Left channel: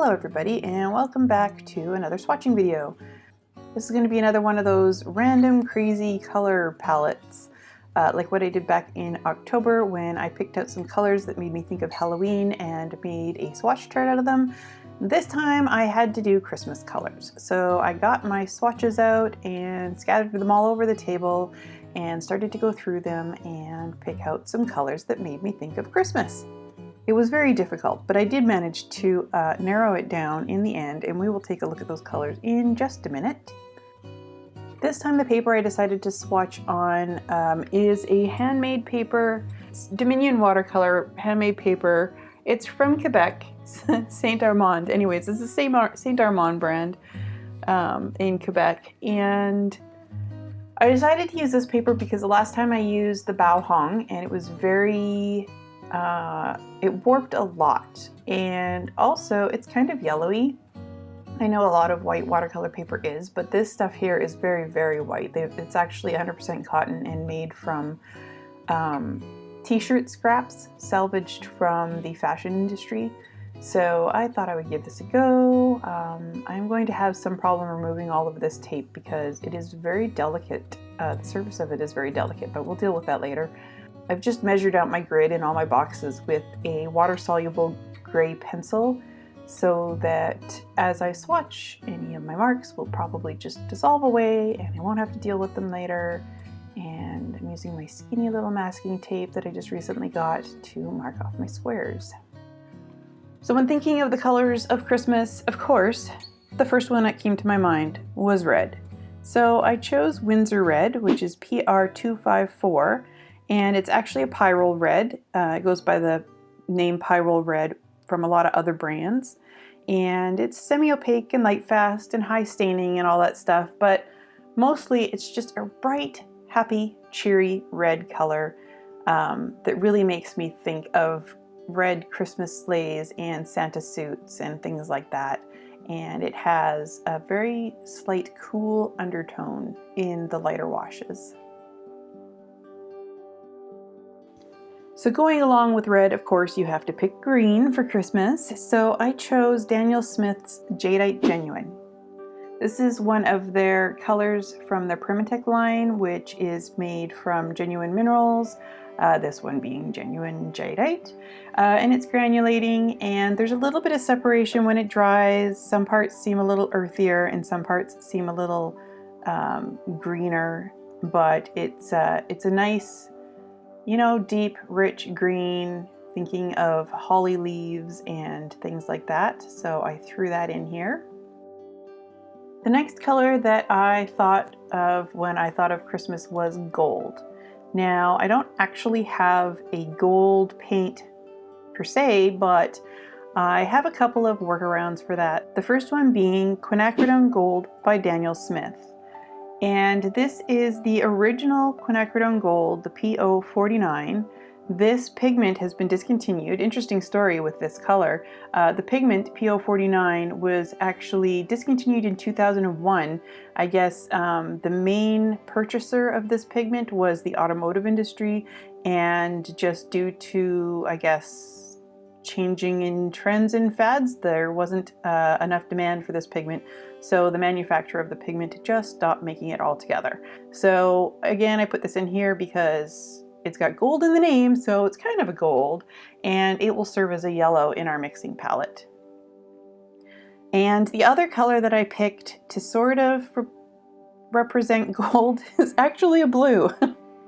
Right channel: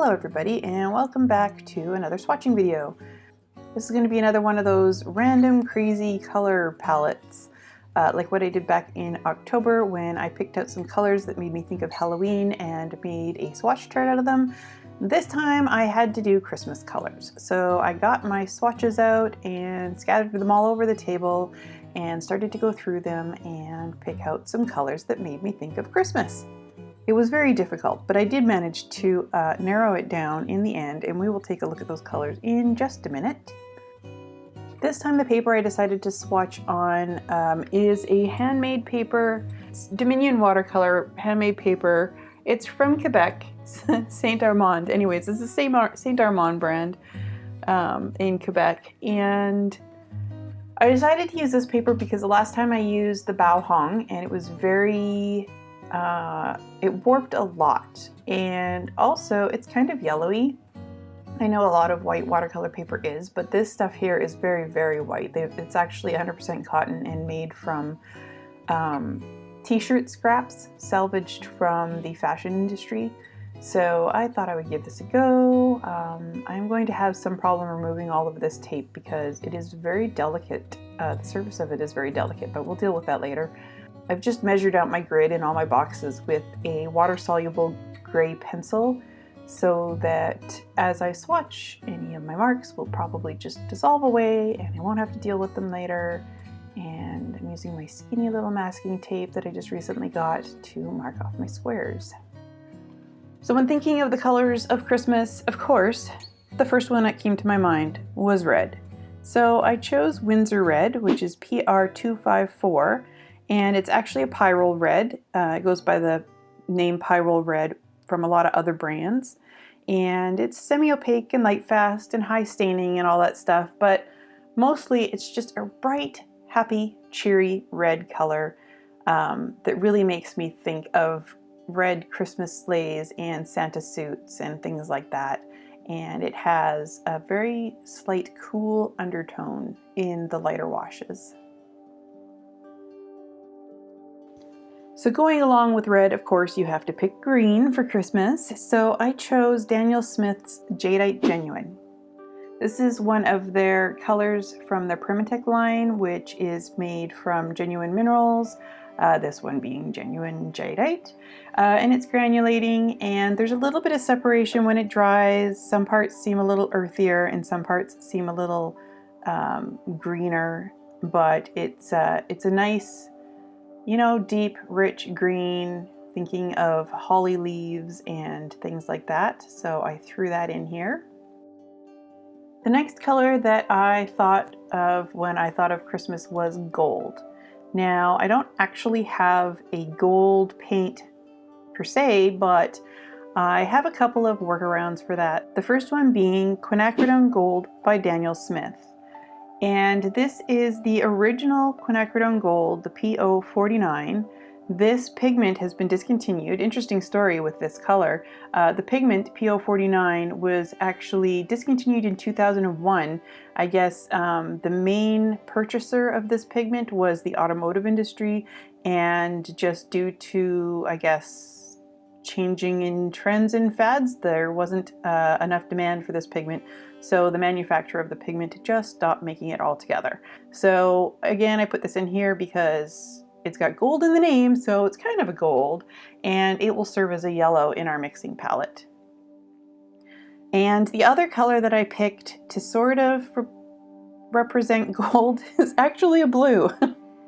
Hello everybody and welcome back to another swatching video. This is going to be another one of those random crazy color palettes like what I did back in October when I picked out some colors that made me think of Halloween and made a swatch chart out of them. This time I had to do Christmas colors. So I got my swatches out and scattered them all over the table and started to go through them and pick out some colors that made me think of Christmas. It was very difficult, but I did manage to narrow it down in the end, and we will take a look at those colors in just a minute. This time the paper I decided to swatch on is a handmade paper. It's Dominion watercolor handmade paper. It's from Quebec, Saint Armand. Anyways, it's the same Saint Armand brand in Quebec, and I decided to use this paper because the last time I used the Bao Hong, and it was very it warped a lot, and also it's kind of yellowy. I know a lot of white watercolor paper is, but this stuff here is very, very white. It's actually 100% cotton and made from t-shirt scraps salvaged from the fashion industry. So I thought I would give this a go. I'm going to have some problem removing all of this tape because it is very delicate. The surface of it is very delicate, but we'll deal with that later. I've just measured out my grid in all my boxes with a water-soluble gray pencil so that as I swatch, any of my marks will probably just dissolve away and I won't have to deal with them later. And I'm using my skinny little masking tape that I just recently got to mark off my squares. So when thinking of the colors of Christmas, of course, the first one that came to my mind was red. So I chose Winsor Red, which is PR254. And it's actually a pyrrole red. It goes by the name pyrrole red from a lot of other brands. And it's semi-opaque and light fast and high staining and all that stuff, but mostly it's just a bright, happy, cheery red color that really makes me think of red Christmas sleighs and Santa suits and things like that. And it has a very slight cool undertone in the lighter washes. So going along with red, of course, you have to pick green for Christmas. So I chose Daniel Smith's Jadeite Genuine. This is one of their colors from their Primatech line, which is made from genuine minerals, this one being genuine jadeite. And it's granulating, and there's a little bit of separation when it dries. Some parts seem a little earthier and some parts seem a little greener, but it's a nice, you know, deep, rich green, thinking of holly leaves and things like that. So I threw that in here. The next color that I thought of when I thought of Christmas was gold. Now, I don't actually have a gold paint per se, but I have a couple of workarounds for that. The first one being Quinacridone Gold by Daniel Smith. And this is the original quinacridone gold, the PO49. This pigment has been discontinued. Interesting story with this color. The pigment PO49 was actually discontinued in 2001. I guess the main purchaser of this pigment was the automotive industry, and just due to, I guess, changing in trends and fads, there wasn't enough demand for this pigment, so the manufacturer of the pigment just stopped making it altogether. So again, I put this in here because it's got gold in the name, so it's kind of a gold, and it will serve as a yellow in our mixing palette. And the other color that I picked to sort of represent gold is actually a blue.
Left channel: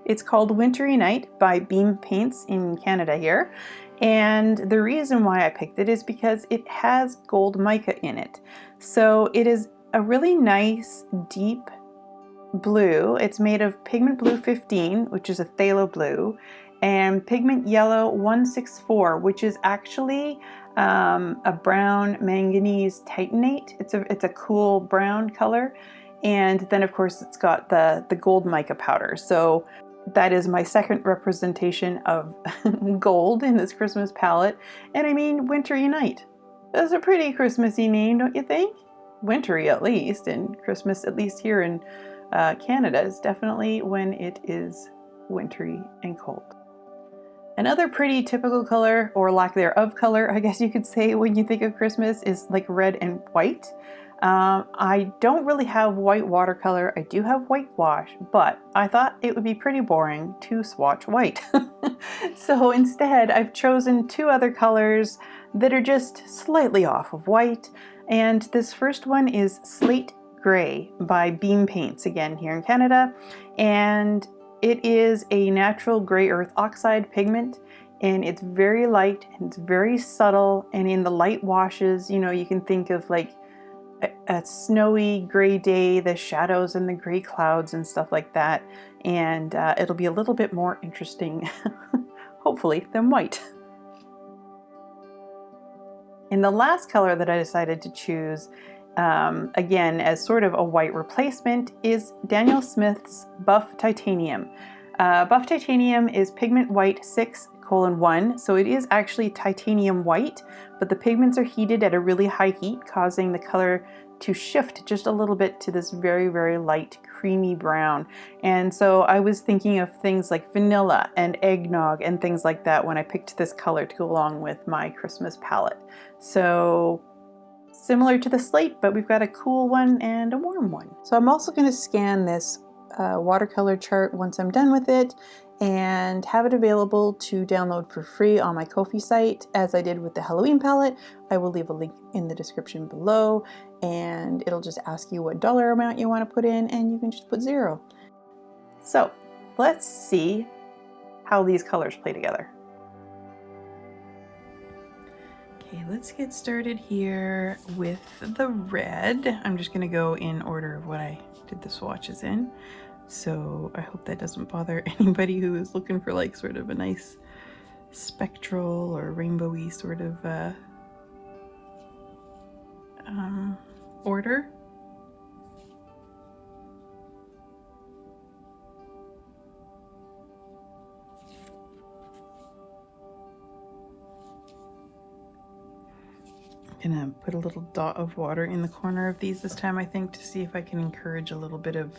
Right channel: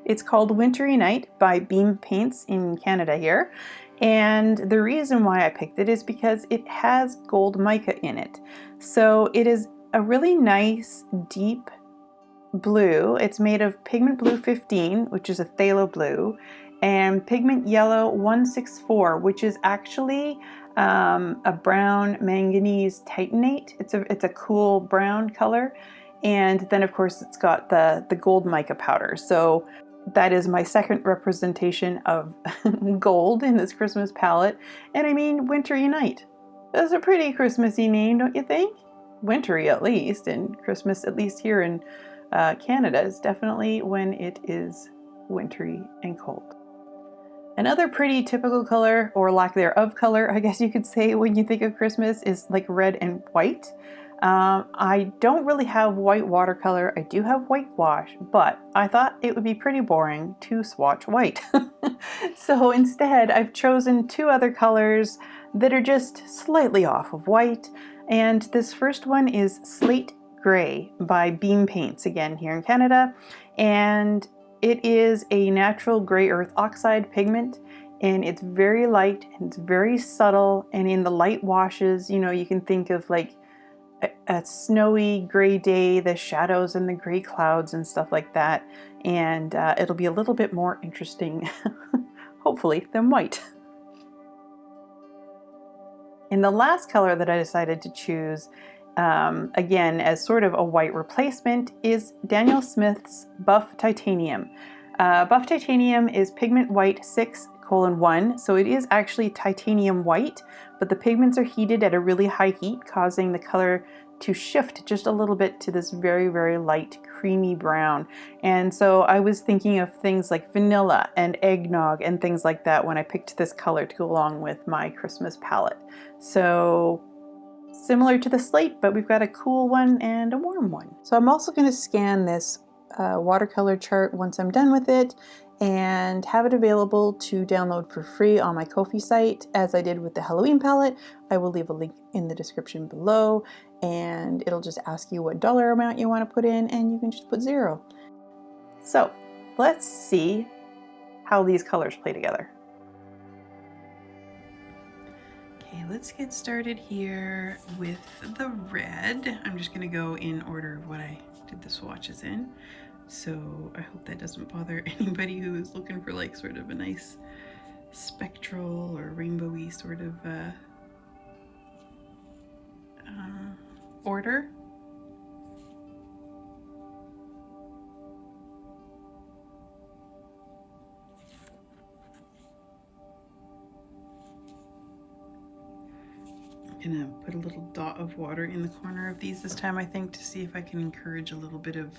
It's called Wintry Night by Beam Paints in Canada here. And the reason why I picked it is because it has gold mica in it. So it is a really nice, deep blue. It's made of pigment blue 15, which is a phthalo blue, and pigment yellow 164, which is actually a brown manganese titanate. It's a cool brown color. And then of course it's got the gold mica powder. So that is my second representation of gold in this Christmas palette. And I mean, Wintry Night. That's a pretty Christmassy name, don't you think? Wintry at least, and Christmas, at least here in Canada, is definitely when it is wintry and cold. Another pretty typical color, or lack thereof color, I guess you could say, when you think of Christmas is like red and white. I don't really have white watercolor. I do have white gouache, but I thought it would be pretty boring to swatch white. So instead, I've chosen two other colors that are just slightly off of white. And this first one is Slate Gray by Beam Paints, again here in Canada. And it is a natural gray earth oxide pigment, and it's very light and it's very subtle. And in the light washes, you know, you can think of like a snowy gray day, the shadows and the gray clouds and stuff like that. And it'll be a little bit more interesting, hopefully, than white. And the last color that I decided to choose, again, as sort of a white replacement, is Daniel Smith's Buff Titanium. Buff Titanium is pigment white 6:1, so it is actually titanium white, but the pigments are heated at a really high heat, causing the color to shift just a little bit to this very, very light creamy brown. And so I was thinking of things like vanilla and eggnog and things like that when I picked this color to go along with my Christmas palette. So similar to the slate, but we've got a cool one and a warm one. So I'm also going to scan this watercolor chart once I'm done with it and have it available to download for free on my Ko-fi site, as I did with the Halloween palette. I will leave a link in the description below, and it'll just ask you what dollar amount you want to put in, and you can just put 0. So let's see how these colors play together. Okay, let's get started here with the red. I'm just going to go in order of what I did the swatches in. So I hope that doesn't bother anybody who is looking for like sort of a nice spectral or rainbowy sort of order. I'm gonna put a little dot of water in the corner of these this time, I think, to see if I can encourage a little bit of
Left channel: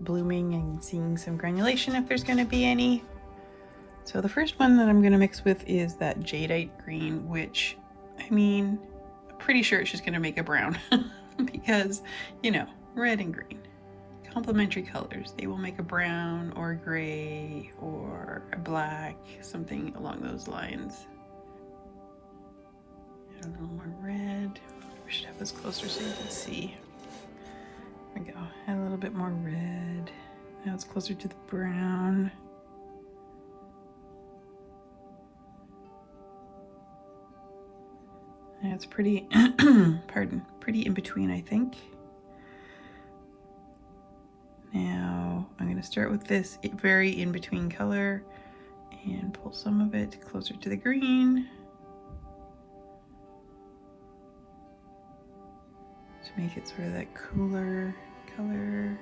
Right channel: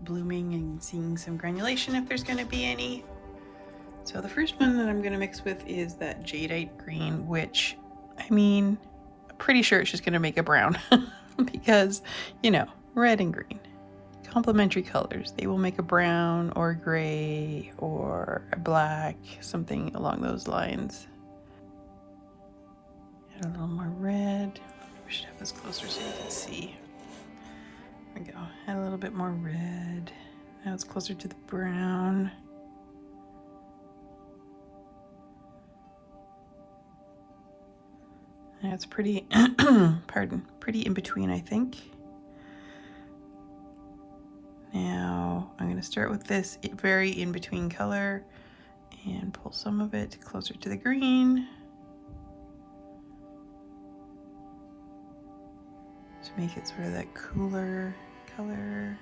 blooming and seeing some granulation if there's going to be any. So the first one that I'm going to mix with is that jadeite green, which, I mean, I'm pretty sure it's just going to make a brown because, you know, red and green, complementary colors. They will make a brown or a gray or a black, something along those lines. Add a little more red. We should have this closer so you can see. There we go. Add a little bit more red. Now it's closer to the brown. And it's pretty, pretty in between, I think. Now I'm going to start with this very in between color and pull some of it closer to the green to make it sort of that cooler color.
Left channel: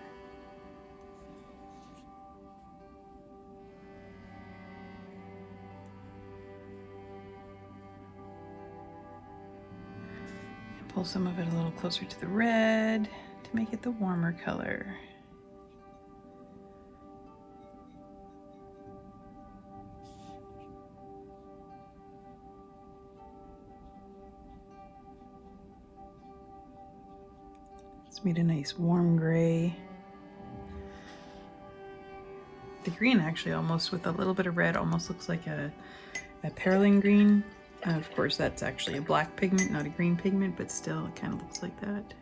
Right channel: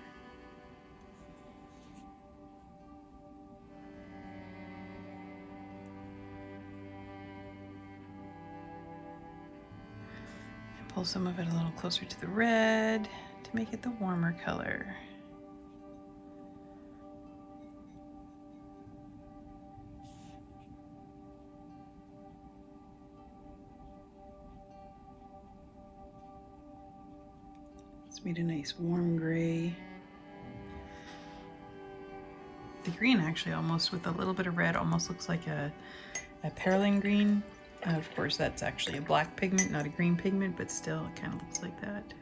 And pull some of it a little closer to the red to make it the warmer color. Made a nice warm gray. The green actually almost with a little bit of red almost looks like a perylene green. Of course that's actually a black pigment, not a green pigment, but still it kind of looks like that.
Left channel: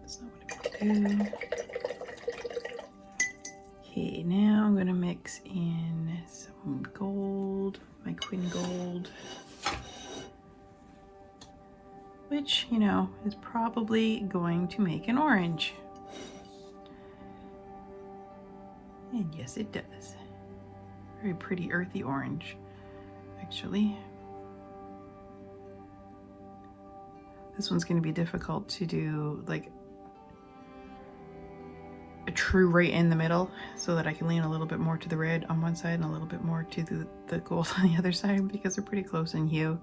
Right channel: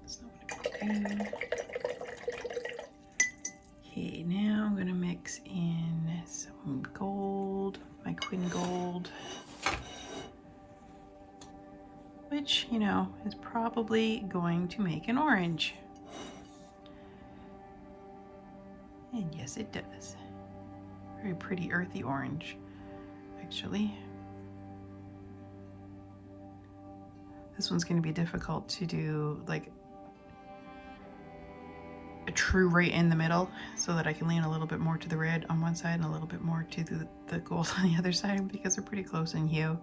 That's not what I'm gonna do. Okay, now I'm gonna mix in some gold, my Quinn Gold, which, you know, is probably going to make an orange. And yes, it does. Very pretty earthy orange, actually. This one's going to be difficult to do like a true right in the middle, so that I can lean a little bit more to the red on one side and a little bit more to the gold on the other side, because they're pretty close in hue.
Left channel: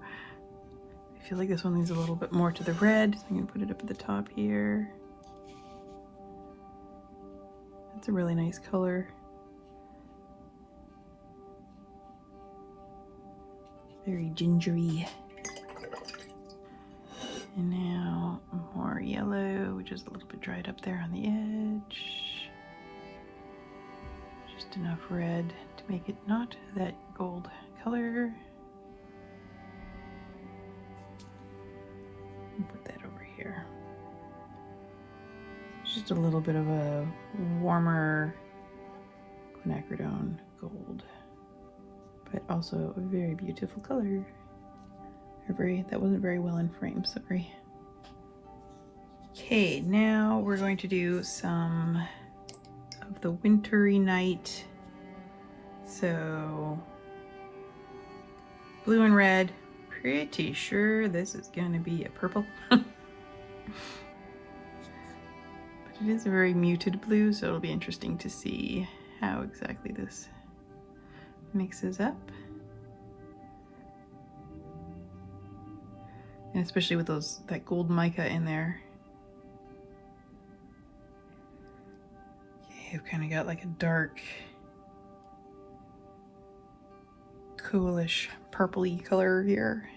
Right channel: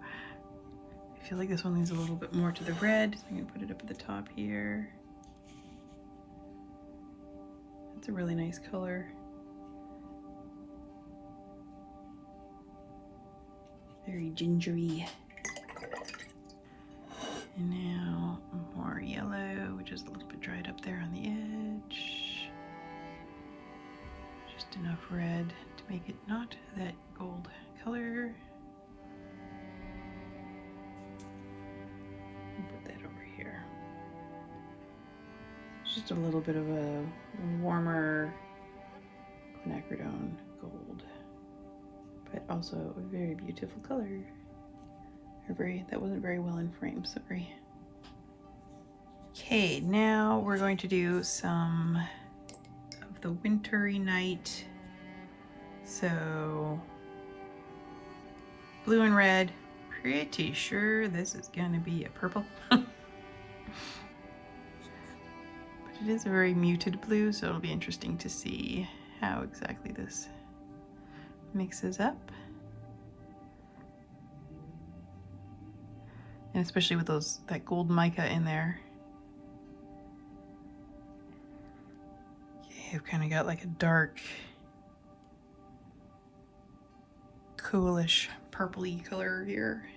I feel like this one leans a little bit more to the red, so I'm going to put it up at the top here. It's a really nice color. Very gingery. And now more yellow, which is a little bit dried up there on the edge. Just enough red to make it not that gold color. Put that over here. Just a little bit of a warmer quinacridone gold, but also a very beautiful color. That wasn't very well in frame, sorry. Okay, now we're going to do some of the wintry night. So blue and red. Pretty sure this is gonna be a purple. But it is a very muted blue, so it'll be interesting to see how exactly this mixes up. And especially with that gold mica in there. Okay, I've kind of got like a dark, coolish, purpley color here.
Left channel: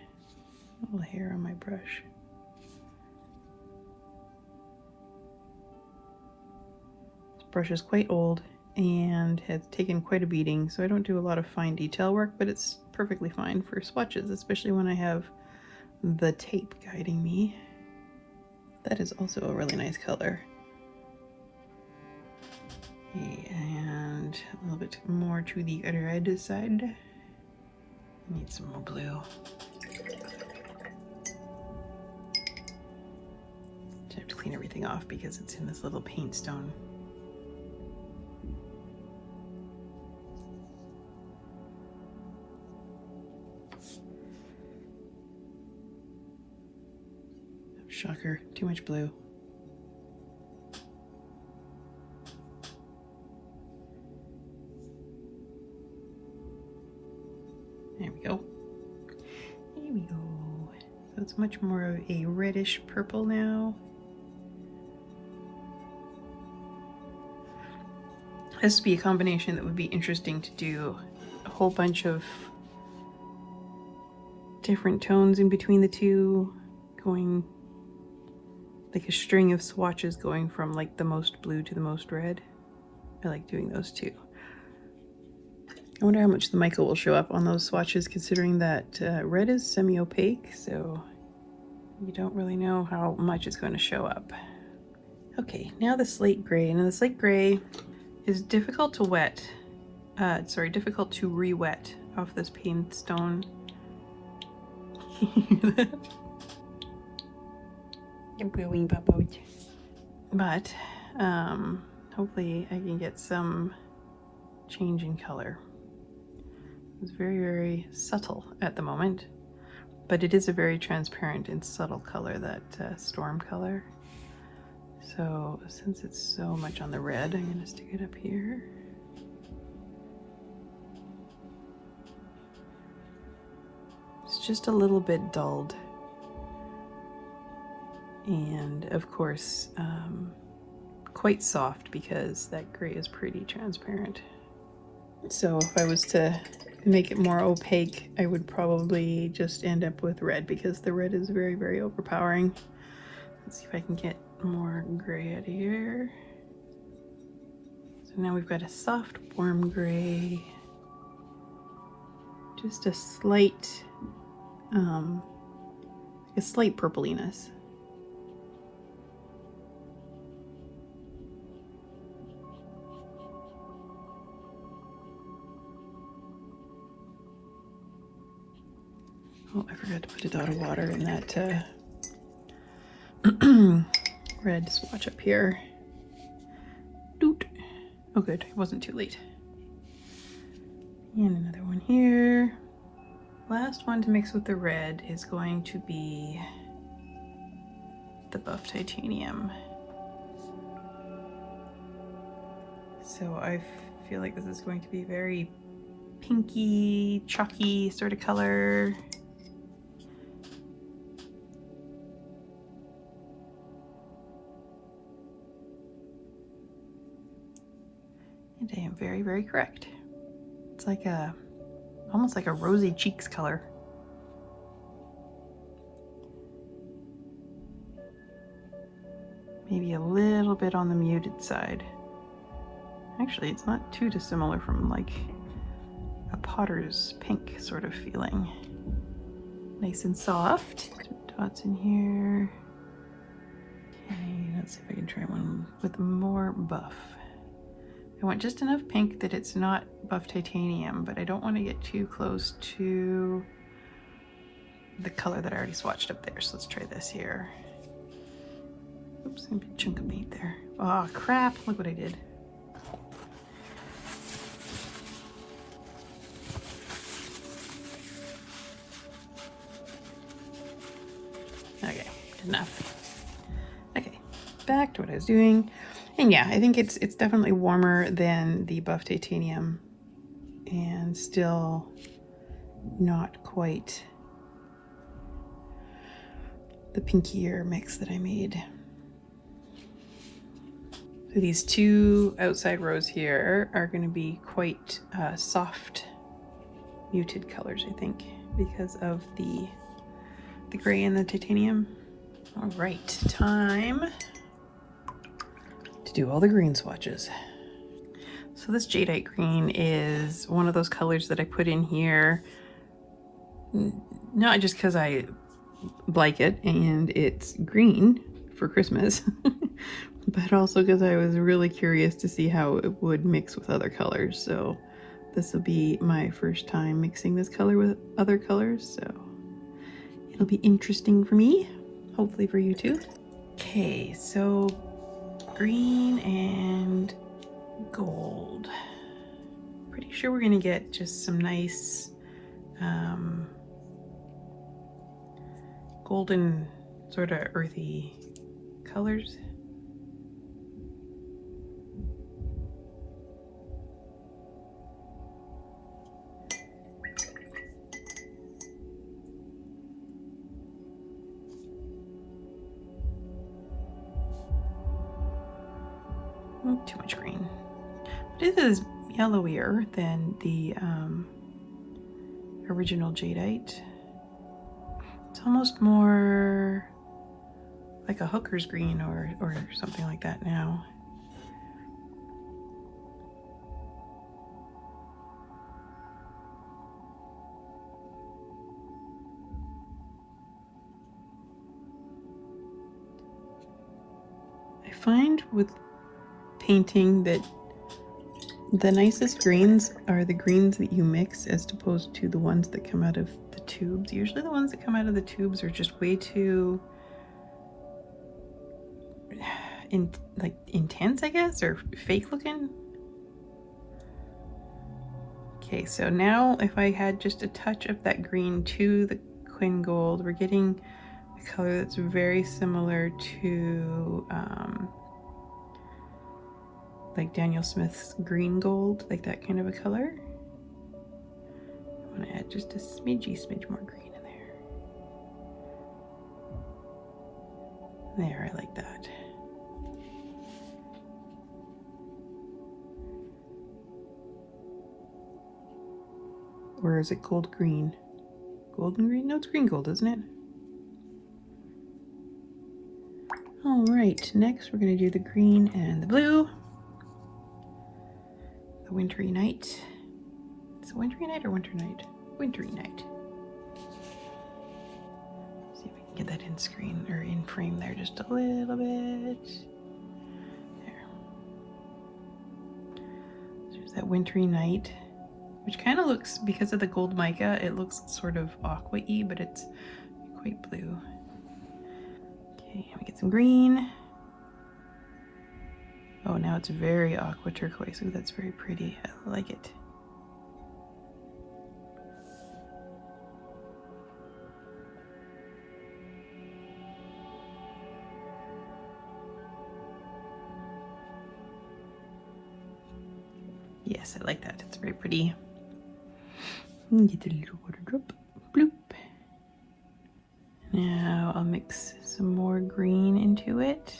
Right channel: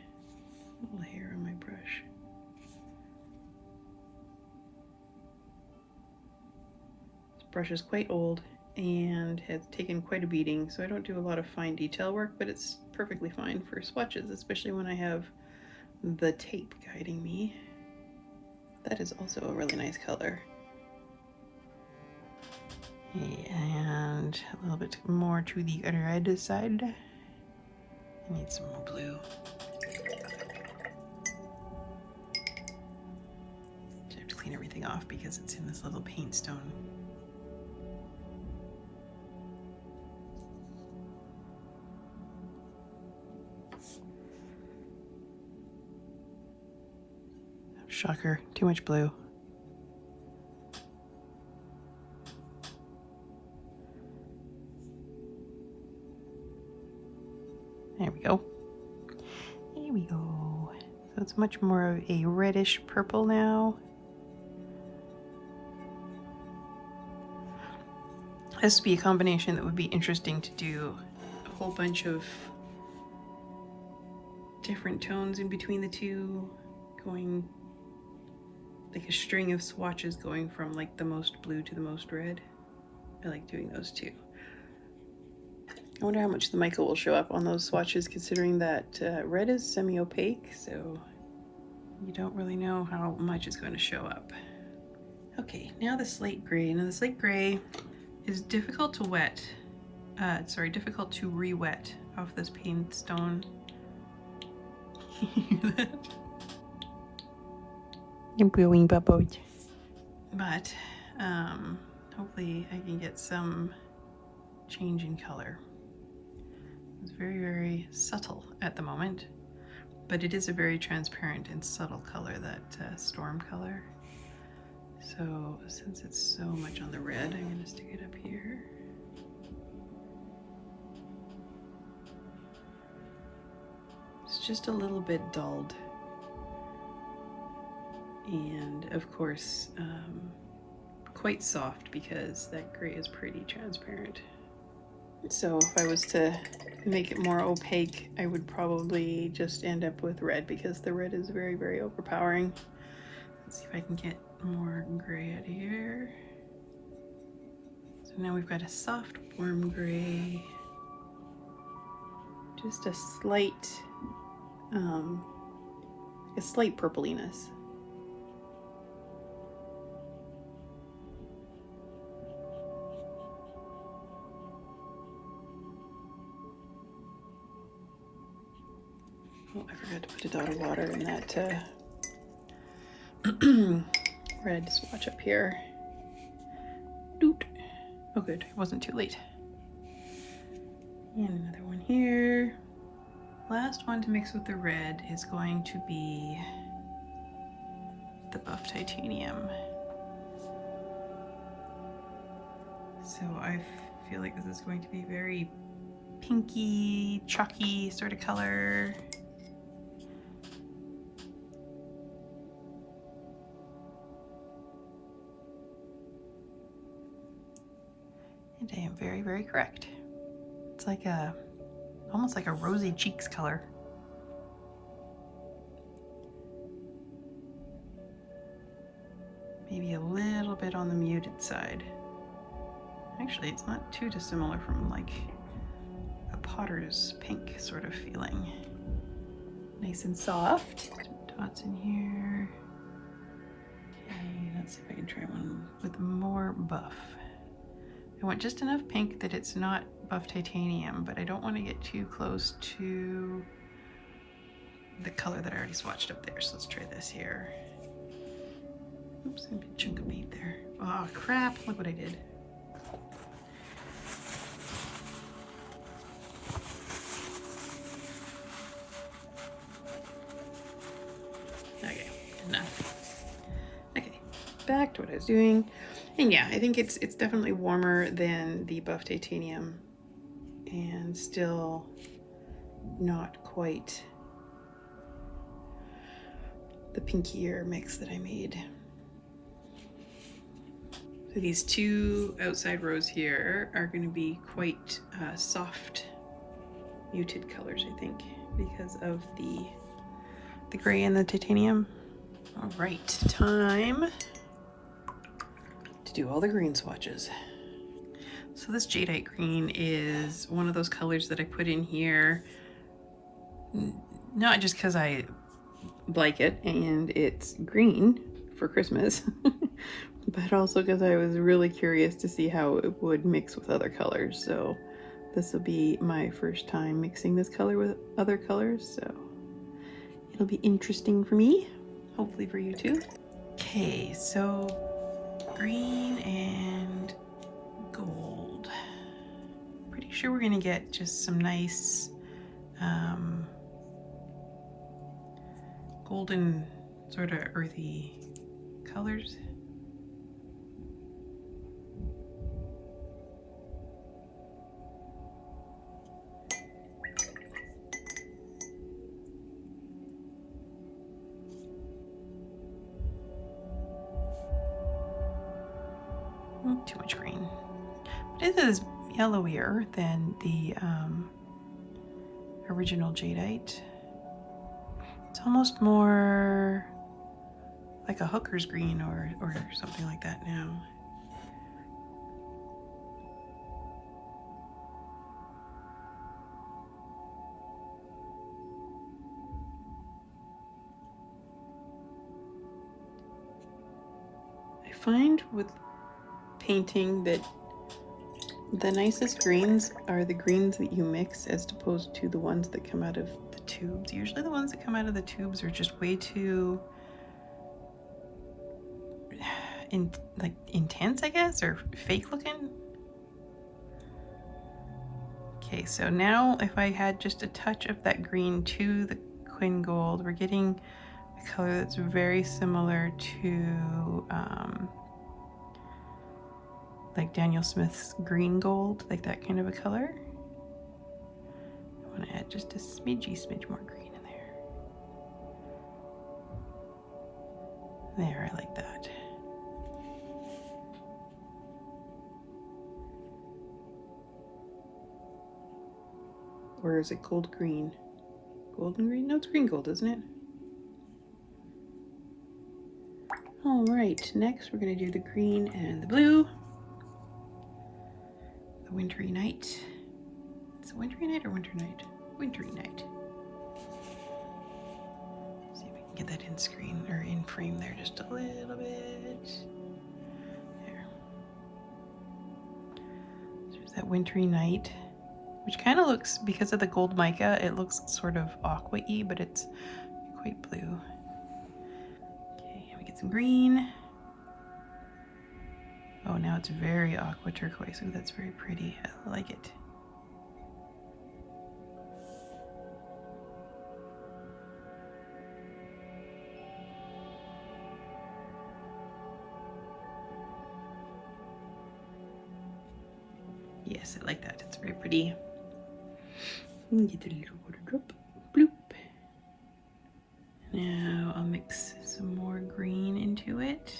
All the hair on my brush. This brush is quite old and has taken quite a beating, so I don't do a lot of fine detail work, but it's perfectly fine for swatches, especially when I have the tape guiding me. That is also a really nice color. Okay, and a little bit more to the red side. I need some more blue. I have to clean everything off because it's in this little paint stone. Shocker, too much blue. There we go. There we go. So it's much more of a reddish purple now. This would be a combination that would be interesting to do. A whole bunch of different tones in between the two, going like a string of swatches going from like the most blue to the most red. I like doing those too. I wonder how much the mica will show up on those swatches, considering that red is semi-opaque, so you don't really know how much it's going to show up. Okay, now the slate gray. Now the slate gray is difficult to difficult to re-wet off this paint stone. Hear that? You're brewing bubbles. But hopefully I can get some change in color. It's very, very subtle at the moment, but it is a very transparent and subtle color, that storm color. So since it's so much on the red, I'm going to stick it up here. It's just a little bit dulled. And of course, quite soft because that gray is pretty transparent. So if I was to make it more opaque, I would probably just end up with red because the red is very, very overpowering. Let's see if I can get more gray out of here. So now we've got a soft, warm gray. Just a slight purpliness. Oh, I forgot to put a dot of water in that red swatch up here. Doot. Oh good, it wasn't too late. And another one here. Last one to mix with the red is going to be the buff titanium. So I feel like this is going to be very pinky, chalky sort of color. And I am very, very correct. It's like almost like a rosy cheeks color. Maybe a little bit on the muted side. Actually, it's not too dissimilar from like a potter's pink sort of feeling. Nice and soft. Some dots in here. Okay, let's see if I can try one with more buff. I want just enough pink that it's not buff titanium, but I don't want to get too close to the color that I already swatched up there. So let's try this here. Oops, a big chunk of paint there. Oh crap, look what I did. Okay, enough. Okay, back to what I was doing. And yeah, I think it's definitely warmer than the buff titanium and still not quite the pinkier mix that I made. So these two outside rows here are going to be quite soft, muted colors, I think, because of the gray and the titanium. All right, time to do all the green swatches. So this jadeite green is one of those colors that I put in here, not just because I like it and it's green for Christmas, but also because I was really curious to see how it would mix with other colors. So this will be my first time mixing this color with other colors, so it'll be interesting for me, hopefully for you too. Okay, so green and gold. Pretty sure we're gonna get just some nice golden sort of earthy colors. Too much green. But this is yellowier than the original jadeite. It's almost more like a hooker's green or something like that now. I find with painting that the nicest greens are the greens that you mix as opposed to the ones that come out of the tubes. Usually the ones that come out of the tubes are just way too intense, I guess, or fake looking. Okay, so now if I had just a touch of that green to the Quin Gold, we're getting a color that's very similar to like Daniel Smith's green gold, like that kind of a color. I want to add just a smidge more green in there. There, I like that. Or is it gold green? Golden green? No, it's green gold, isn't it? All right, next we're gonna do the green and the blue. The wintry night. Is it wintry night or winter night? Wintry night. See if we can get that in screen or in frame there just a little bit. There. So there's that wintry night, which kind of looks, because of the gold mica, it looks sort of aqua-y, but it's quite blue. Okay, we get some green. Oh, now it's very aqua turquoise. Ooh, that's very pretty. I like it. Yes, I like that. It's very pretty. Get a little water drop. Bloop. Now I'll mix some more green into it.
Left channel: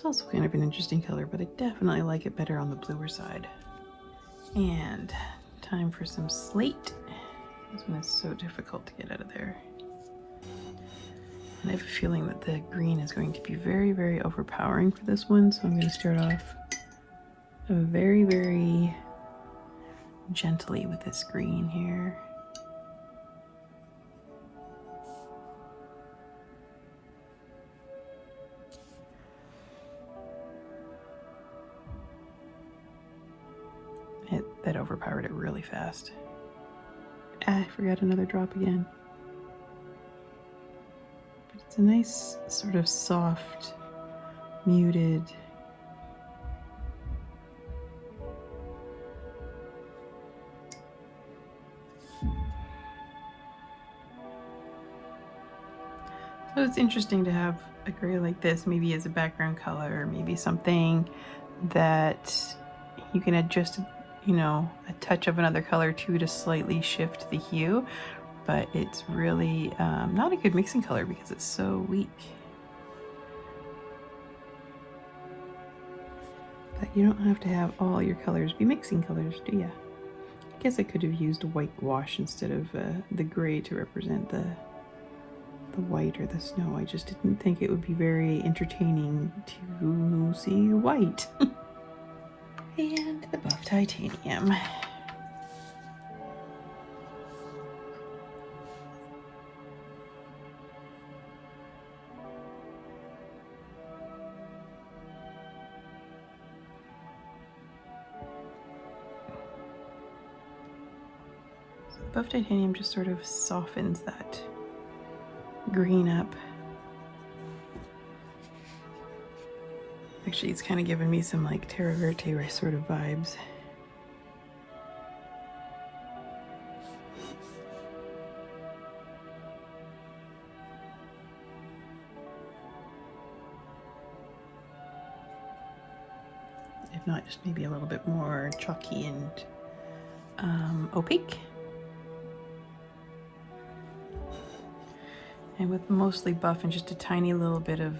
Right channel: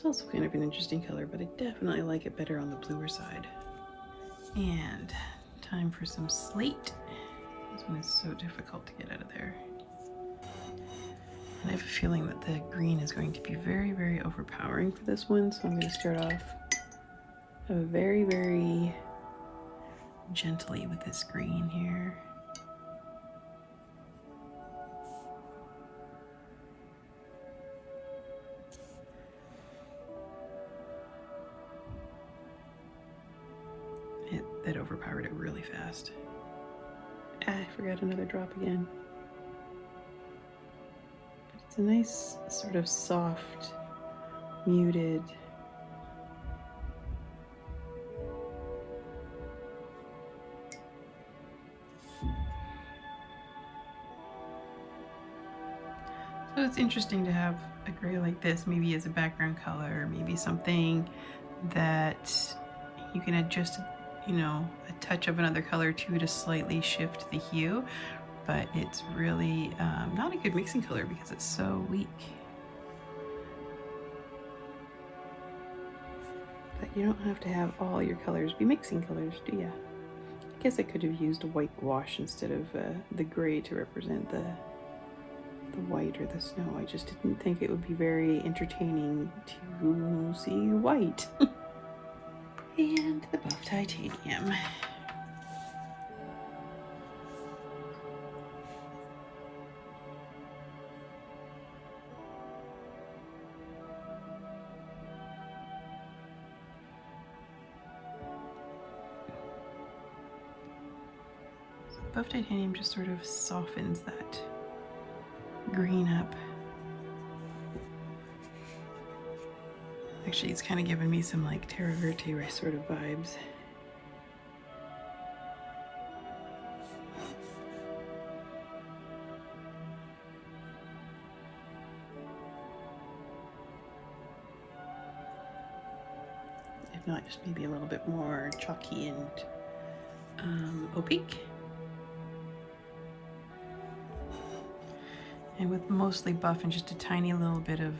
It's also kind of an interesting color, but I definitely like it better on the bluer side. And time for some slate. This one is so difficult to get out of there. And I have a feeling that the green is going to be very, very overpowering for this one, so I'm going to start off very, very gently with this green here. That overpowered it really fast. I forgot another drop again. It's a nice sort of soft, muted. So it's interesting to have a gray like this, maybe as a background color, maybe something that you can adjust, you know, a touch of another color to slightly shift the hue, but it's really not a good mixing color because it's so weak. But you don't have to have all your colors be mixing colors, do you? I guess I could have used a white wash instead of the gray to represent the white or the snow. I just didn't think it would be very entertaining to see white. And the buff titanium. So the buff titanium just sort of softens that green up. Actually, it's kind of giving me some like Terra Verte sort of vibes. If not, just maybe a little bit more chalky and opaque. And with mostly buff and just a tiny little bit of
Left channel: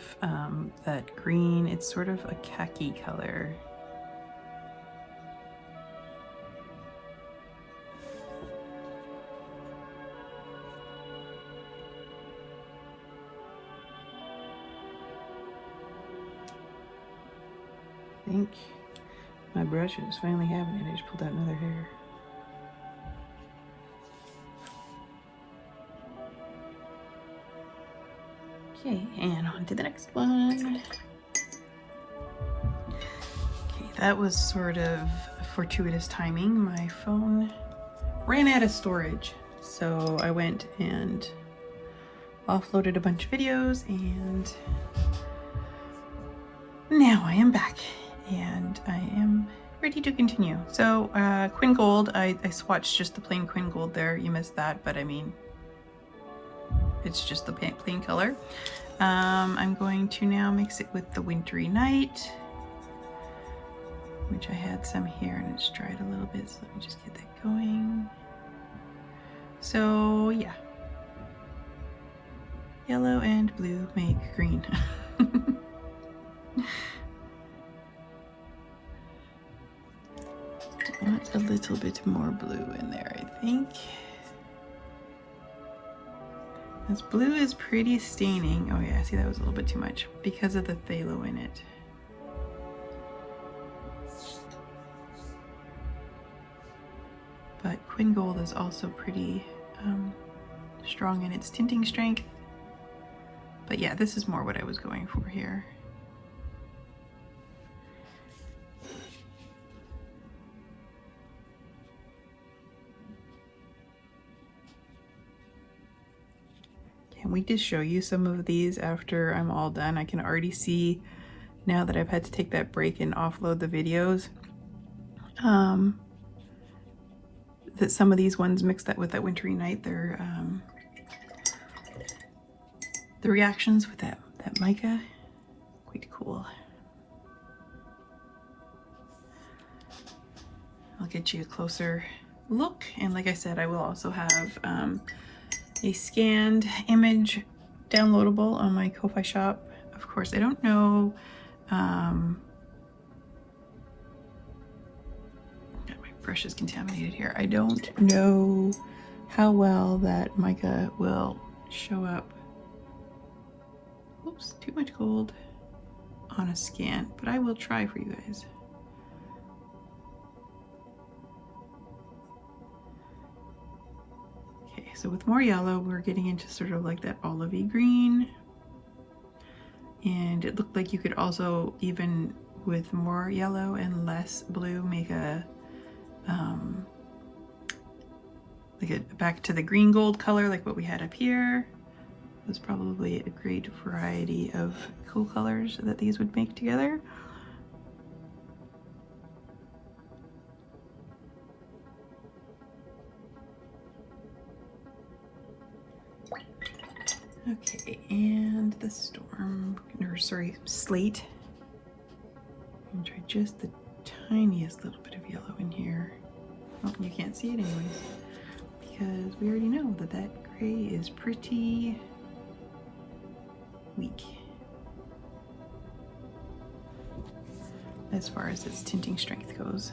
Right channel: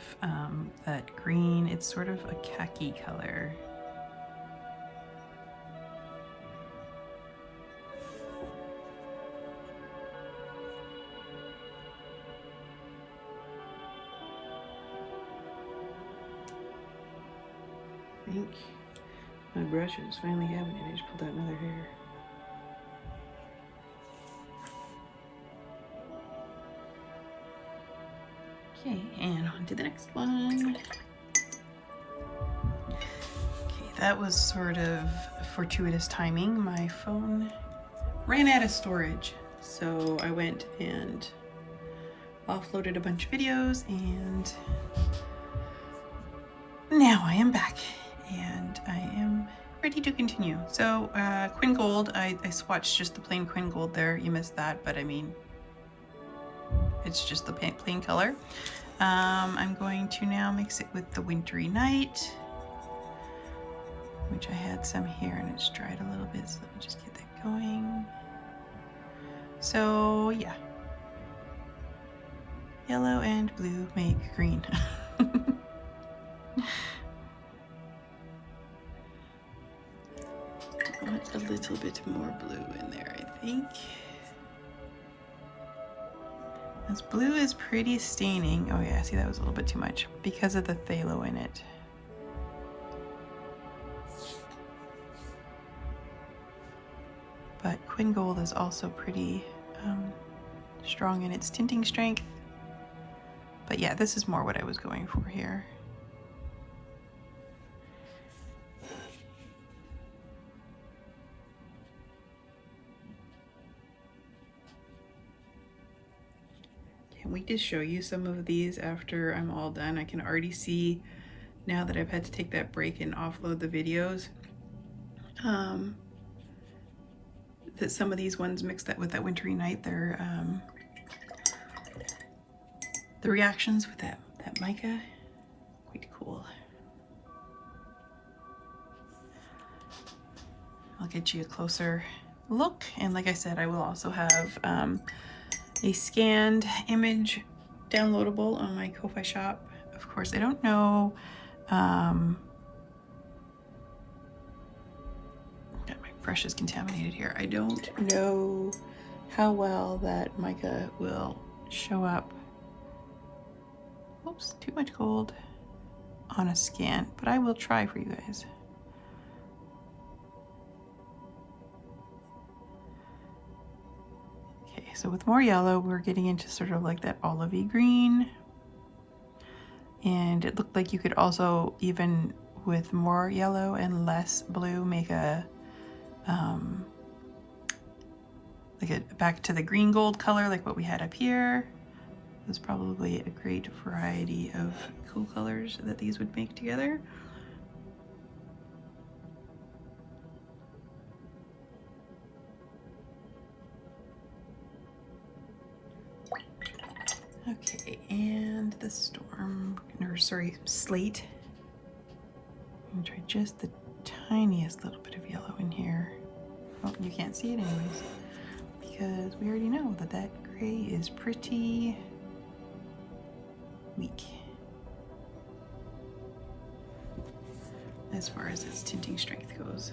that green, it's sort of a khaki color. I think my brush is finally having it. I just pulled out another hair. Okay, and on to the next one. Okay, that was sort of fortuitous timing. My phone ran out of storage, so I went and offloaded a bunch of videos, and now I am back, and I am ready to continue. So Quin Gold, I swatched just the plain Quin Gold there. You missed that, but I mean, it's just the plain color. I'm going to now mix it with the Wintry Night, which I had some here and it's dried a little bit, so let me just get that going. So yeah, yellow and blue make green. A little bit more blue in there, I think. This blue is pretty staining. Oh yeah, see, that was a little bit too much because of the phthalo in it. But Quin Gold is also pretty strong in its tinting strength. But yeah, this is more what I was going for here. Can't wait to show you some of these after I'm all done. I can already see now that I've had to take that break and offload the videos that some of these ones mixed that with that Wintry Night, they're the reactions with that mica, quite cool. I'll get you a closer look, and like I said, I will also have a scanned image downloadable on my Ko-Fi shop. Of course, I don't know my brush is contaminated here. I don't know how well that mica will show up. Oops, too much gold on a scan, but I will try for you guys. Okay, so with more yellow, we're getting into sort of like that olivey green. And it looked like you could also, even with more yellow and less blue, make a like a back to the green gold color like what we had up here. There's probably a great variety of cool colors that these would make together. Okay, and the storm, or sorry, slate. I'm gonna try just the tiniest little bit of yellow in here. Oh, you can't see it anyways, because we already know that that gray is pretty weak as far as its tinting strength goes.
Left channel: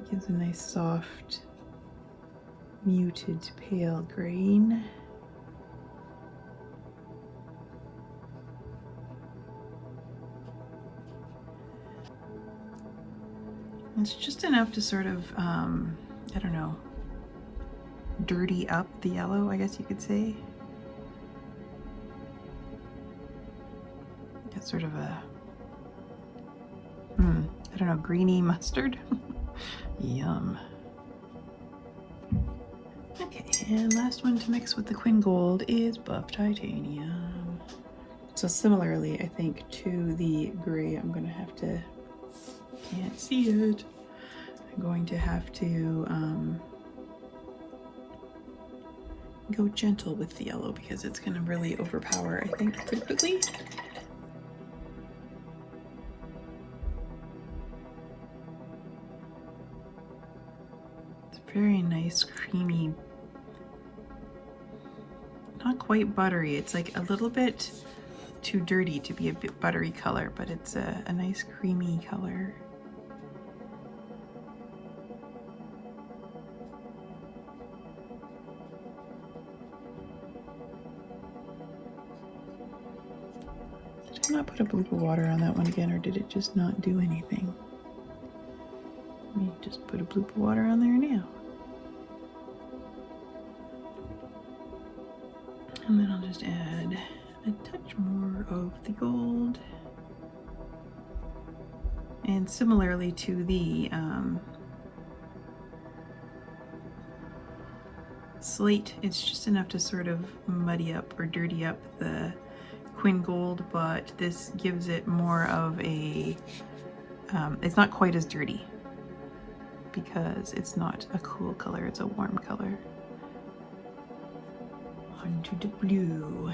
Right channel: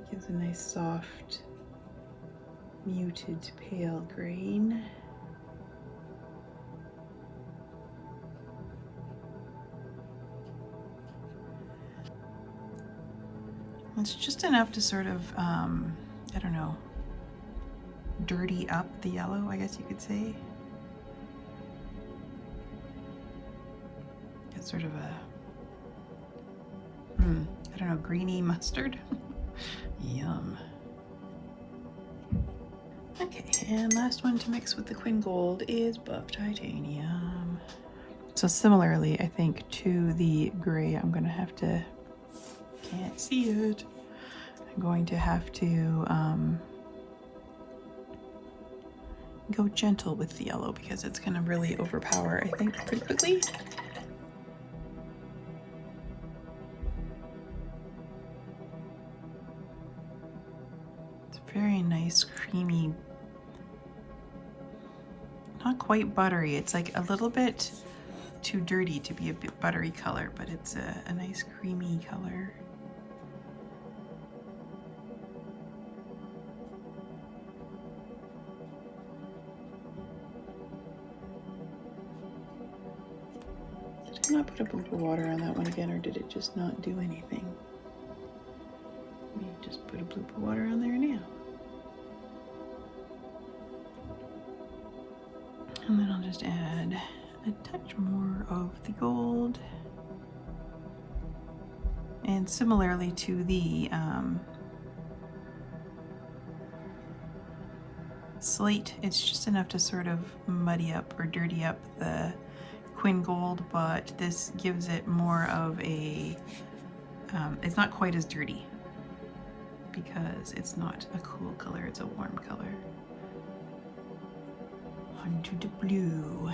It gives a nice soft, muted pale green. It's just enough to sort of, I don't know, dirty up the yellow, I guess you could say. It's sort of a, I don't know, greeny mustard. Yum. Okay, and last one to mix with the Quinn Gold is buff titanium. So similarly, I think to the gray, I'm gonna have to, can't see it, I'm going to have to go gentle with the yellow because it's gonna really overpower, I think, too quickly. It's very nice, creamy, not quite buttery. It's like a little bit too dirty to be a bit buttery color, but it's a nice creamy color. Did I not put a bloop of water on that one again, or did it just not do anything? Let me just put a bloop of water on there now. And then I'll just add a touch more of the gold. And similarly to the slate, it's just enough to sort of muddy up or dirty up the Quinn Gold, but this gives it more of a, it's not quite as dirty because it's not a cool color, it's a warm color. Onto the blue.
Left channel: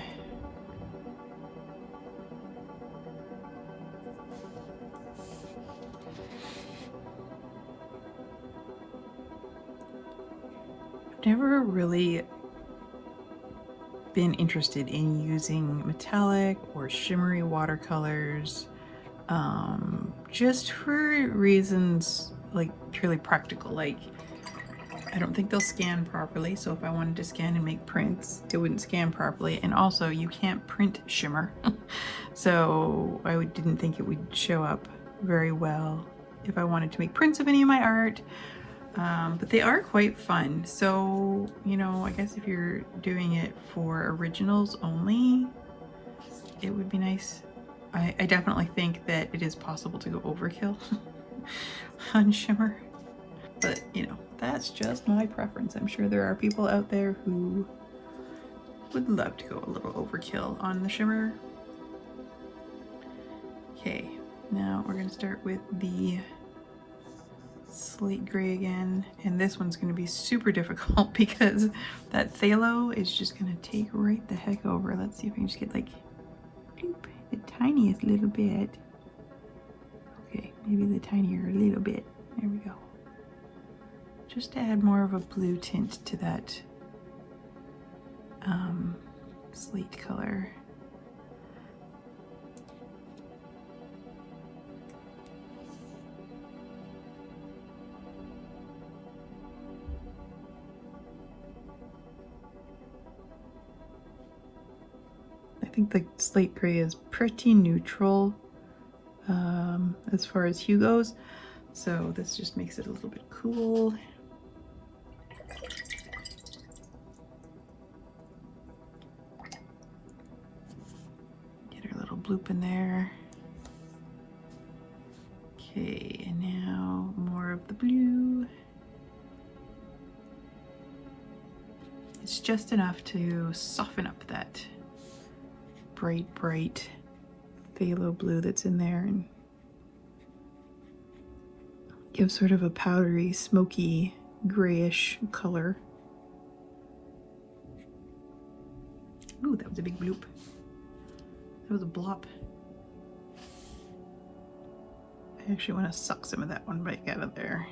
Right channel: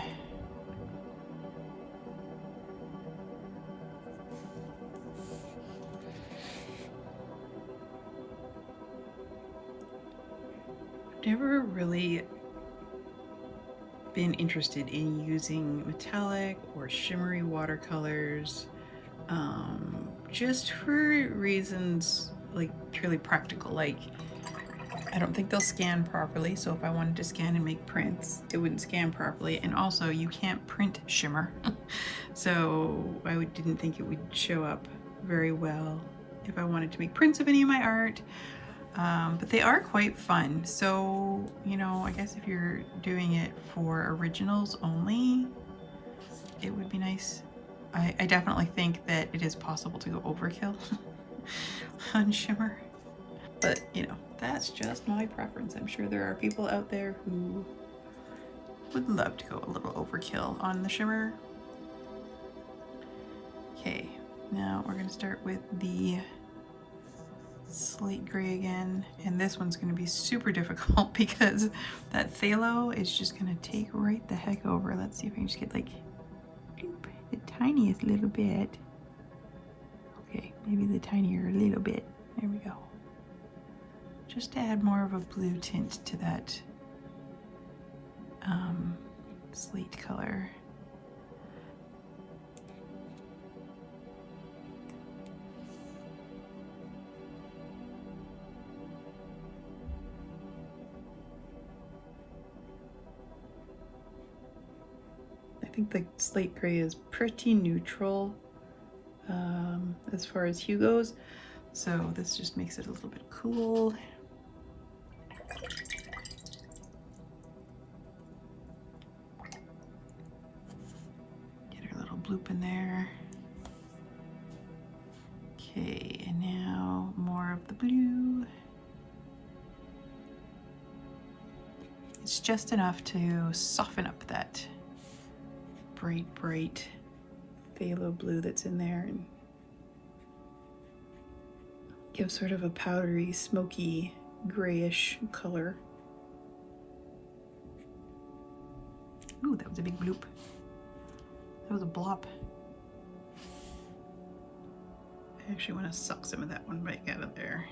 I've never really been interested in using metallic or shimmery watercolors, just for reasons like purely practical. Like, I don't think they'll scan properly, so if I wanted to scan and make prints, it wouldn't scan properly. And also, you can't print shimmer, so I didn't think it would show up very well if I wanted to make prints of any of my art. But they are quite fun. So, you know, I guess if you're doing it for originals only, it would be nice. I definitely think that it is possible to go overkill on shimmer, but you know, that's just my preference. I'm sure there are people out there who would love to go a little overkill on the shimmer. Okay, now we're gonna start with the slate gray again, and this one's going to be super difficult because that phthalo is just going to take right the heck over. Let's see if I can just get like the tiniest little bit. Okay, maybe the tinier little bit. There we go. Just to add more of a blue tint to that slate color. I think the slate gray is pretty neutral as far as hue goes, so this just makes it a little bit cool. Get our little bloop in there. Okay, and now more of the blue. It's just enough to soften up that bright phthalo blue that's in there and give sort of a powdery, smoky, grayish color. Ooh, that was a big bloop. That was a blop. I actually want to suck some of that one back out of there.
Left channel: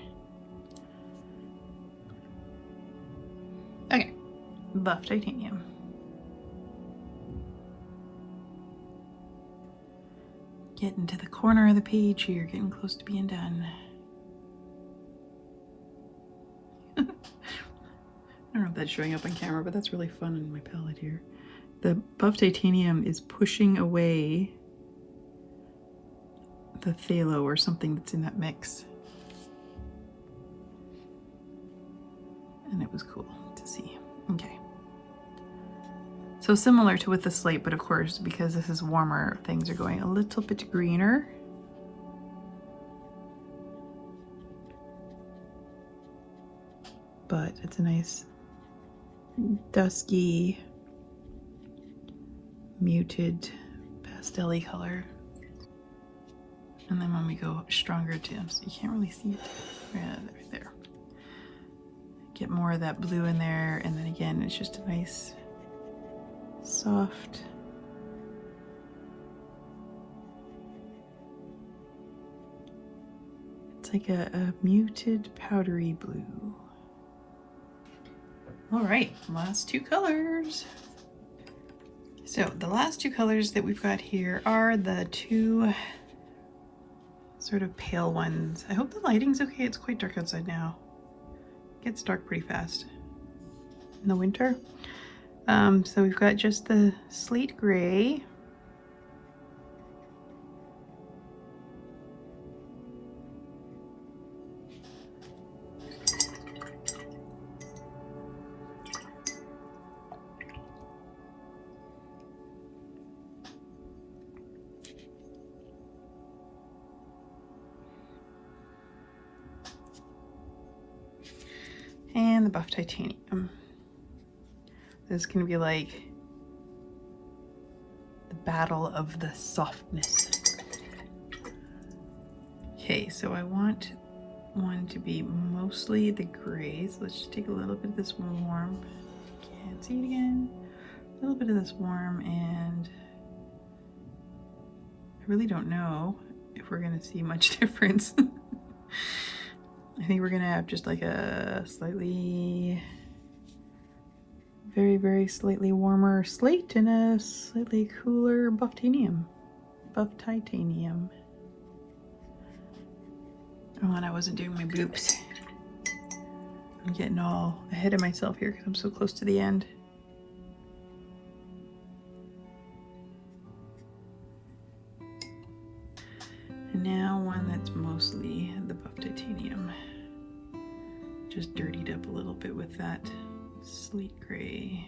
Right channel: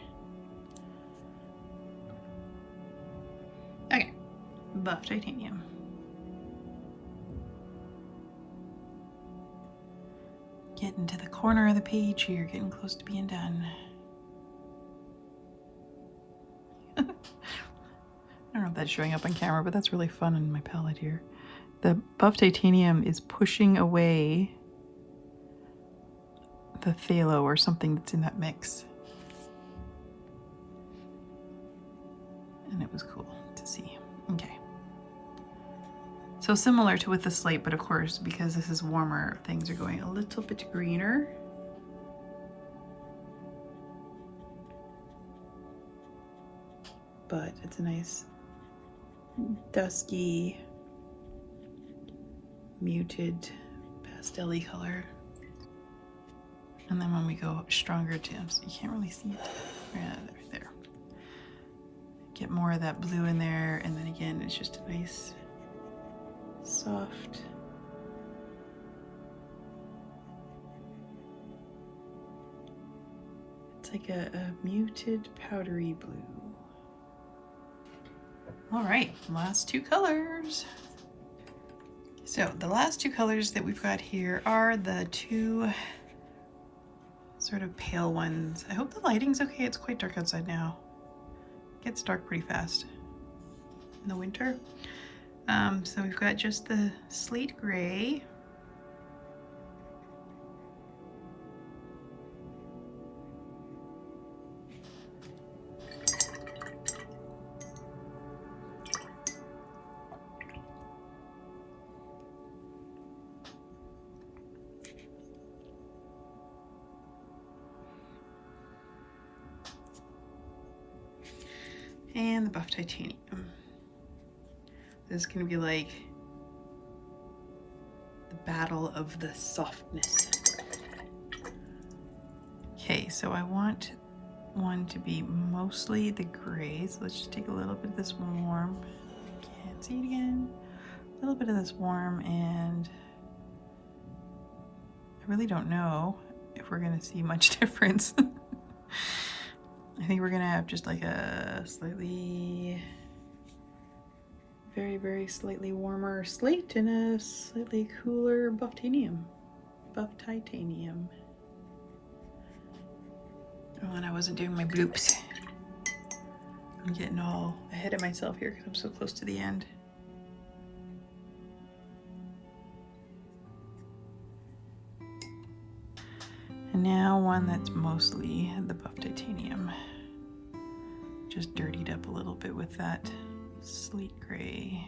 Okay, buff titanium. Getting to the corner of the page here, getting close to being done. I don't know if that's showing up on camera, but that's really fun in my palette here. The buff titanium is pushing away the phthalo or something that's in that mix. And it was cool to see. Okay. So similar to with the slate, but of course, because this is warmer, things are going a little bit greener. But it's a nice dusky, muted, pastel-y color. And then when we go stronger tints, you can't really see it. Yeah, right there. Get more of that blue in there, and then again, it's just a nice, soft, it's like a muted, powdery blue. All right, last two colors. So the last two colors that we've got here are the two sort of pale ones. I hope the lighting's okay. It's quite dark outside now. It gets dark pretty fast in the winter. So we've got just the slate gray. And the buff titanium. This is going to be like the battle of the softness. Okay, so I want one to be mostly the gray. So let's just take a little bit of this warm. Can't see it again. A little bit of this warm, and I really don't know if we're going to see much difference. I think we're gonna have just like a slightly, very slightly warmer slate and a slightly cooler buff titanium. Oh, and I wasn't doing my bloops. I'm getting all ahead of myself here because I'm so close to the end. And now one that's mostly the buff titanium. Just dirtied up a little bit with that slate gray.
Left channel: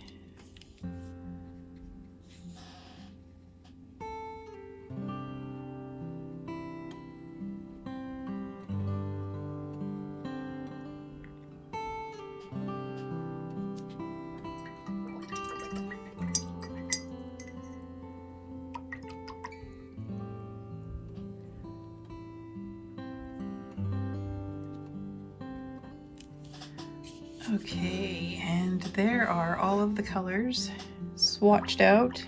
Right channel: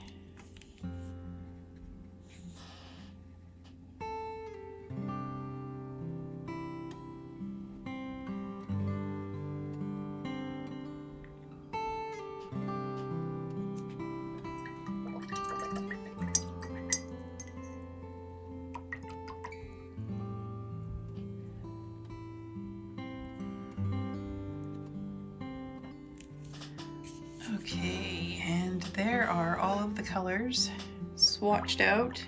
Okay, and there are all of the colors swatched out.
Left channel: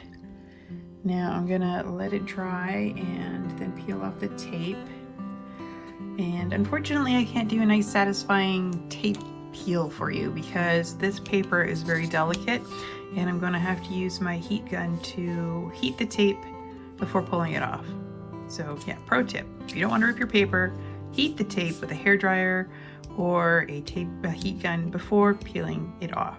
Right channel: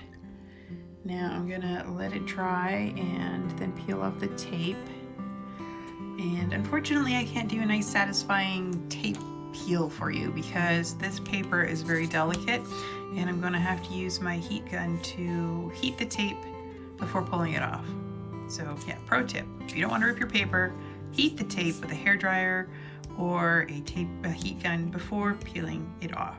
Now I'm gonna let it dry and then peel off the tape. And unfortunately I can't do a nice satisfying tape peel for you because this paper is very delicate and I'm going to have to use my heat gun to heat the tape before pulling it off. So yeah, pro tip, if you don't want to rip your paper, heat the tape with a hairdryer or a heat gun before peeling it off.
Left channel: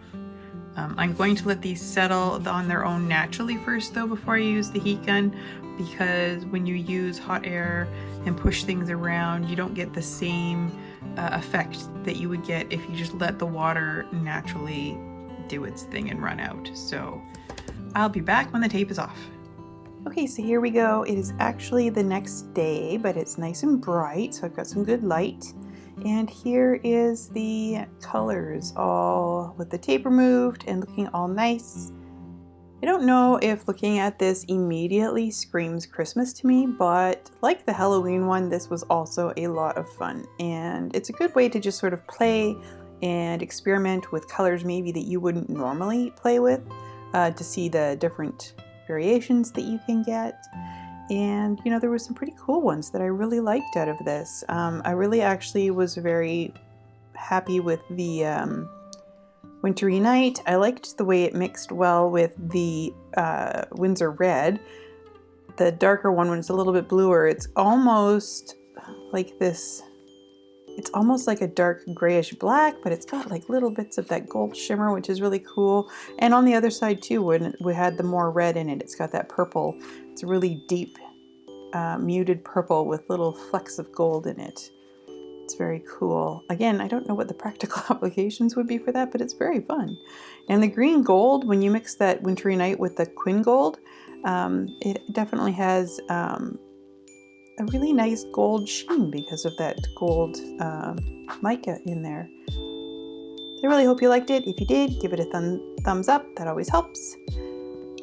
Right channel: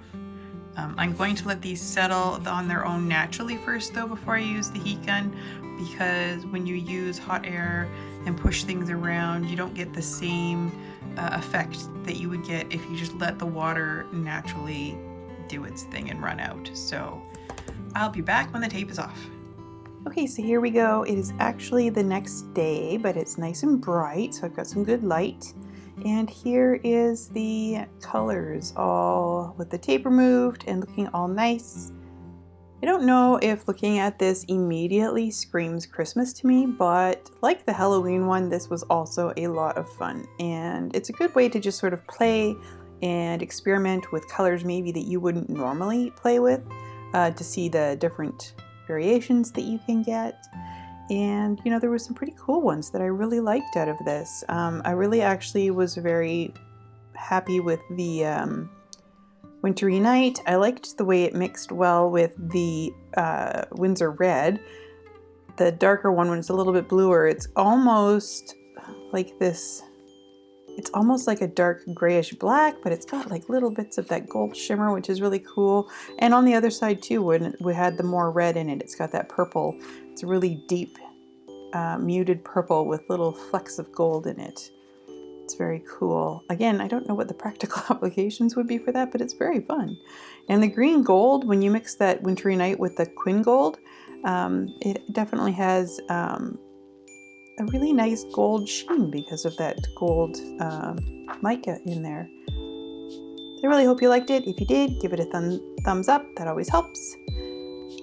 I'm going to let these settle on their own naturally first though before I use the heat gun, because when you use hot air and push things around, you don't get the same effect that you would get if you just let the water naturally do its thing and run out. So I'll be back when the tape is off. Okay, so here we go. It is actually the next day, but it's nice and bright, so I've got some good light. And here is the colors, all with the tape removed and looking all nice. I don't know if looking at this immediately screams Christmas to me, but like the Halloween one, this was also a lot of fun. And it's a good way to just sort of play and experiment with colors maybe that you wouldn't normally play with, to see the different variations that you can get. And you know, there were some pretty cool ones that I really liked out of this. I really actually was very happy with the Wintry Night. I liked the way it mixed well with the Windsor Red. The darker one, when it's a little bit bluer, it's almost like this, it's almost like a dark grayish black, but it's got like little bits of that gold shimmer, which is really cool. And on the other side too, when we had the more red in it, it's got that purple. It's a really deep, muted purple with little flecks of gold in it. It's very cool. Again, I don't know what the practical applications would be for that, but it's very fun. And the green gold, when you mix that Wintry Night with the Quin Gold, it definitely has a really nice gold sheen because of that gold mica in there. I really hope you liked it. If you did, give it a thumbs up. That always helps.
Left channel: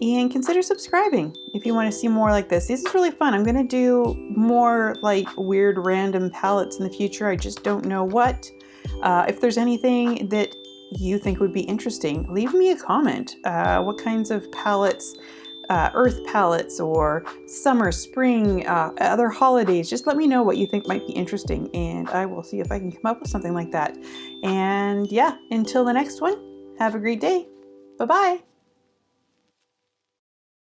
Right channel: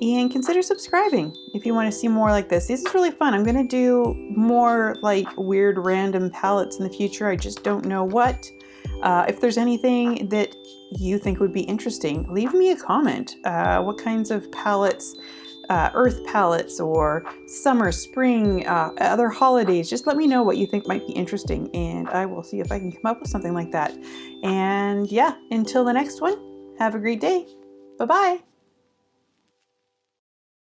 And consider subscribing if you want to see more like this. This is really fun. I'm going to do more like weird random palettes in the future. I just don't know what. If there's anything that you think would be interesting, leave me a comment. What kinds of palettes, earth palettes or summer, spring, other holidays, just let me know what you think might be interesting and I will see if I can come up with something like that. And yeah, until the next one, have a great day. Bye-bye.